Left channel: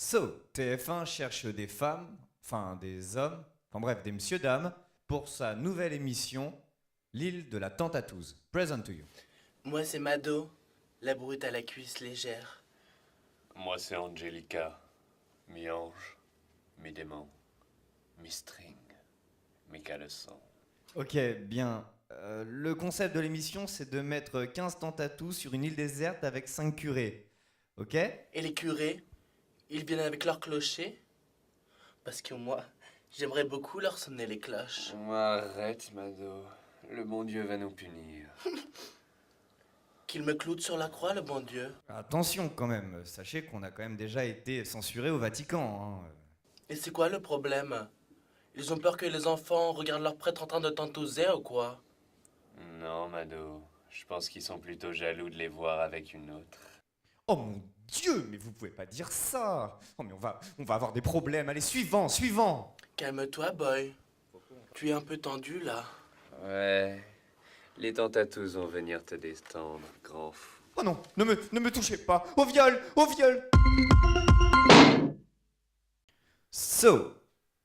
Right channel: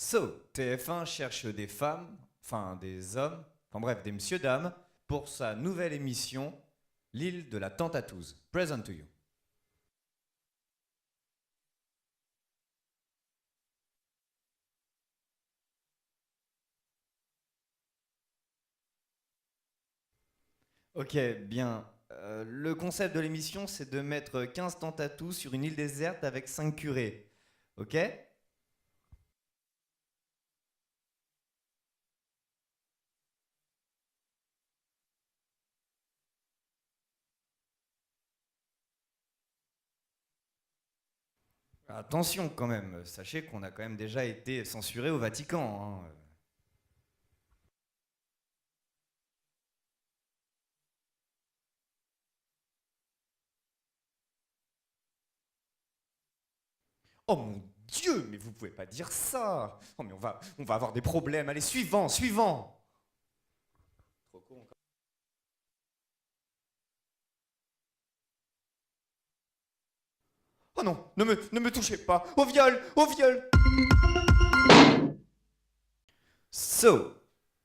So, TF1 cherche des femmes, enfin des hommes, enfin bref, des messieurs-dames, pour sa nouvelle émission, L'île de la Tentatouse. Present to you. Moi, c'est Mado, la brute à la cuisse légère. Moi, c'est Angelica, mi-ange, mi-démon, mi-string, mi-caleçon. Ok, bien. Le concept de l'émission, c'est de mettre 15 tentatous sur une île déserte avec 5 curés. Ok? Et les curés, ils viennent avec leur clocher? Parce que moi, j'aimerais beaucoup leur sonner les cloches. Arrête, Mado. Le bon Dieu va nous punir. Qu'ils me clouent sur la croix, le bon Dieu. Attention quand même, sachez qu'on a quand même déjà été censuré au Vatican. Hein. Et c'est quoi le problème? Ils ont peur que les enfants regardent leur prêtre en train de tentouser ou quoi? Non, Mado. Je pense qu'ils sont plutôt jaloux de les voir avec une autre. Oh mon Dieu, mais vous pouvez pas dire ça. Oh mais on va avoir des problèmes. Allez, suivant. Calme-toi, boy. Tu es un peu tendu, là. Ouais. Les tentatous vont venir te détendre, grand fou. Oh non, ne me touchez pas. Au viol. So,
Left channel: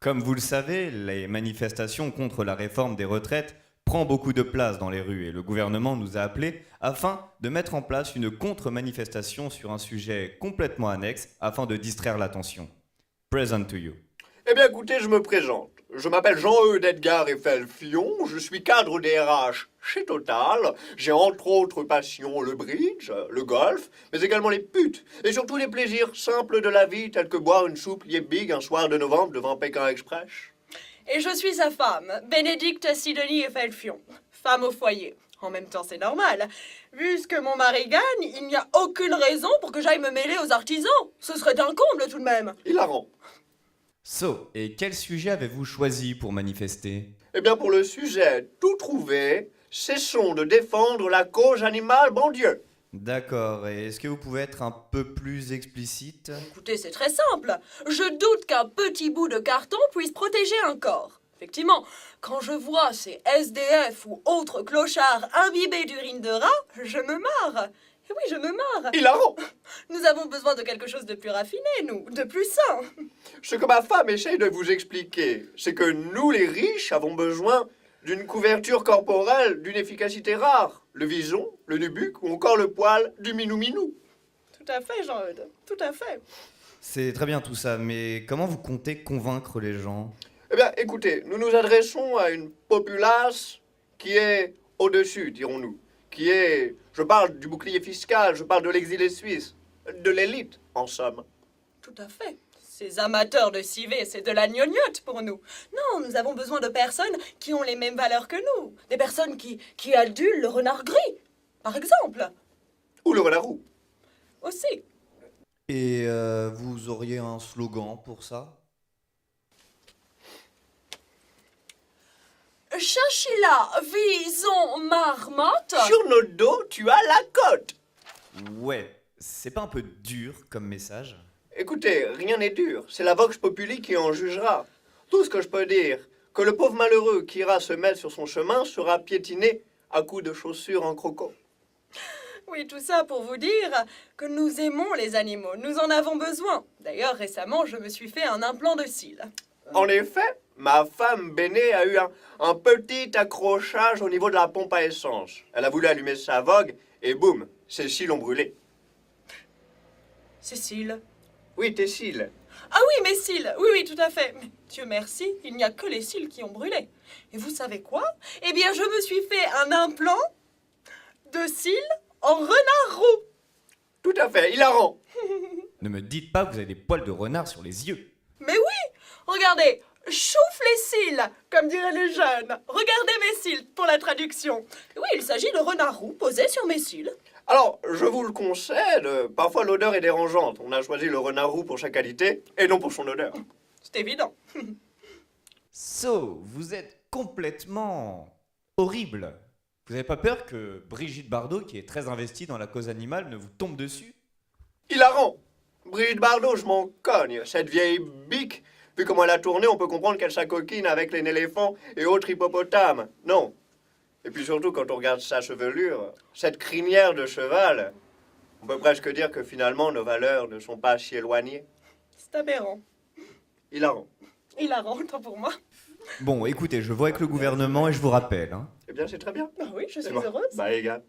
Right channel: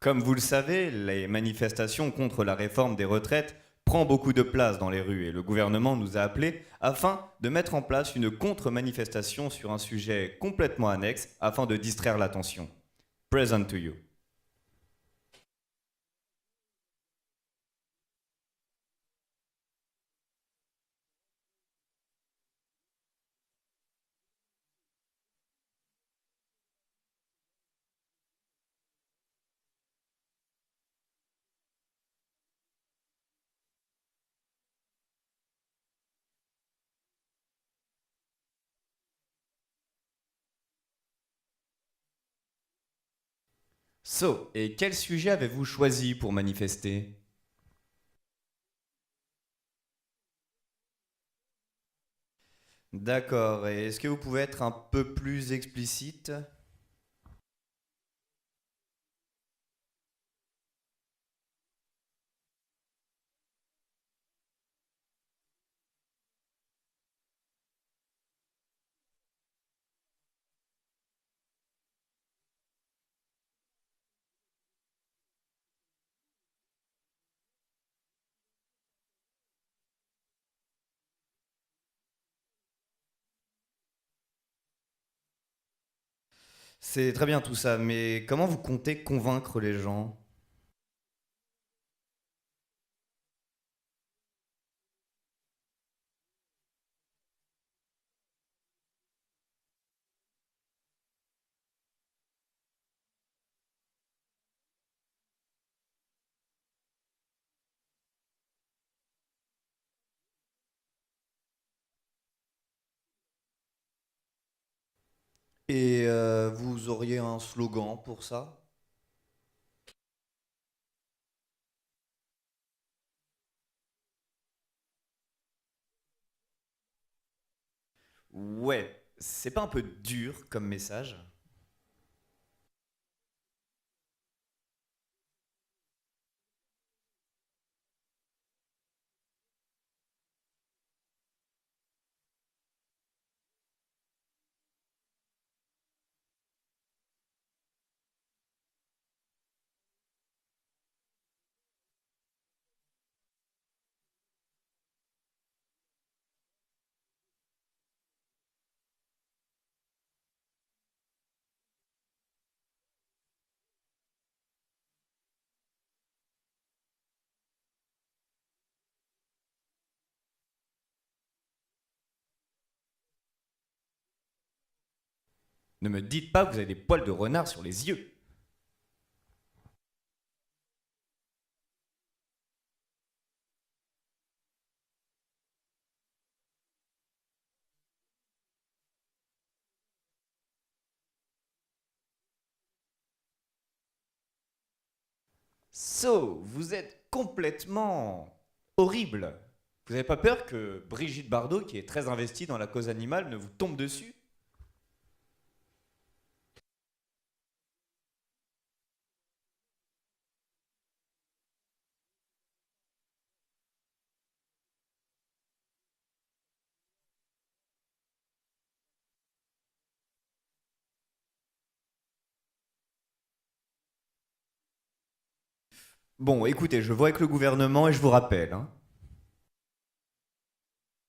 comme vous le savez, les manifestations contre la réforme des retraites prend beaucoup de place dans les rues et le gouvernement nous a appelés afin de mettre en place une contre-manifestation sur un sujet complètement annexe afin de distraire l'attention. Present to you. Eh bien écoutez, je me présente. Je m'appelle Jean-Eudes Edgar Eiffel-Fion, je suis cadre DRH chez Total. J'ai entre autres passions le bridge, le golf, mais également les putes, et surtout les plaisirs simples de la vie tels que boire une soupe Liebig un soir de novembre devant Pékin Express. Et je suis sa femme, Bénédicte Sidonie Eiffel-Fion, femme au foyer. En même temps, c'est normal. Vu ce que mon mari gagne, il n'y a aucune raison pour que j'aille me mêler aux artisans. Ce serait un comble tout de même. Hilarant. So, et quel sujet avez-vous choisi pour manifester? Eh bien pour le sujet tout trouvé, cessons de défendre la cause animale, bon Dieu. D'accord, et est-ce que vous pouvez être un peu plus explicite? Écoutez, c'est très simple. Je doute qu'un petit bout de carton puisse protéger un corps. Effectivement, quand je vois ces SDF ou autres clochards imbibés d'urine de rat, je me marre. Et oui, je me marre. Hilarant. Nous avons besoin de quelque chose de plus raffiné, nous, de plus sain. Ce que ma femme essaye de vous expliquer, c'est que nous les riches avons besoin d'une couverture corporelle d'une efficacité rare. Le vison, le nubuck ou encore le poil du minou-minou. Tout à fait, Jean-Eudes, tout à fait. C'est très bien tout ça, mais comment vous comptez convaincre les gens? Eh bien, écoutez, nous nous adressons à une populace qui est au-dessus, dirons-nous. Qui est... Je parle du bouclier fiscal, je parle de l'exilé suisse, de l'élite, en somme. Tout à fait. Ces amateurs de civet, c'est de la gnognotte pour nous. Non, nous avons besoin de personnes qui ont les mêmes valeurs que nous. Des personnes qui adulent le renard gris, par exemple. Ou le renard roux. Aussi. Et vous auriez un slogan pour ça? Chinchilla, vison, marmotte. Sur notre dos, tu as la côte. Ouais, c'est pas un peu dur comme message? Écoutez, rien n'est dur, c'est la vox populi qui en jugera. Tout ce que je peux dire, que le pauvre malheureux qui ira se mettre sur son chemin sera piétiné à coups de chaussures en croco. Oui, tout ça pour vous dire que nous aimons les animaux. Nous en avons besoin. D'ailleurs, récemment, je me suis fait un implant de cils. En effet, ma femme Béné a eu un petit accrochage au niveau de la pompe à essence. Elle a voulu allumer sa vogue et boum, ses cils ont brûlé. Cécile. Oui, tes cils. Ah oui, mes cils. Oui, oui, tout à fait. Mais Dieu merci, il n'y a que les cils qui ont brûlé. Et vous savez quoi? Eh bien, je me suis fait un implant de cils en renard roux. Tout à fait, hilarant. Ne me dites pas que vous avez des poils de renard sur les yeux. Mais oui, regardez, chouffe les cils, comme diraient les jeunes. Regardez mes cils pour la traduction. Oui, il s'agit de renard roux posé sur mes cils. Alors, je vous le concède, parfois l'odeur est dérangeante. On a choisi le renard roux pour sa qualité et non pour son odeur. C'est évident. So, vous êtes complètement horrible. Vous n'avez pas peur que Brigitte Bardot, qui est très investie dans la cause animale, ne vous tombe dessus? Hilarant. Brigitte Bardot, je m'en cogne. Cette vieille bique, vu comment elle a tourné, on peut comprendre qu'elle s'acoquine avec les éléphants et autres hippopotames. Non. Et puis surtout, quand on regarde sa chevelure, cette crinière de cheval, on peut presque dire que finalement, nos valeurs ne sont pas si éloignées. C'est aberrant. Hilarant. Hilarant, autant pour moi. Bon, écoutez, je vois avec le gouvernement et je vous rappelle. Hein. Eh bien, c'est très bien. Ah oui, je suis C'est bon. heureuse. Bah, égal.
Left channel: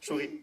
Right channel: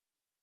Souris.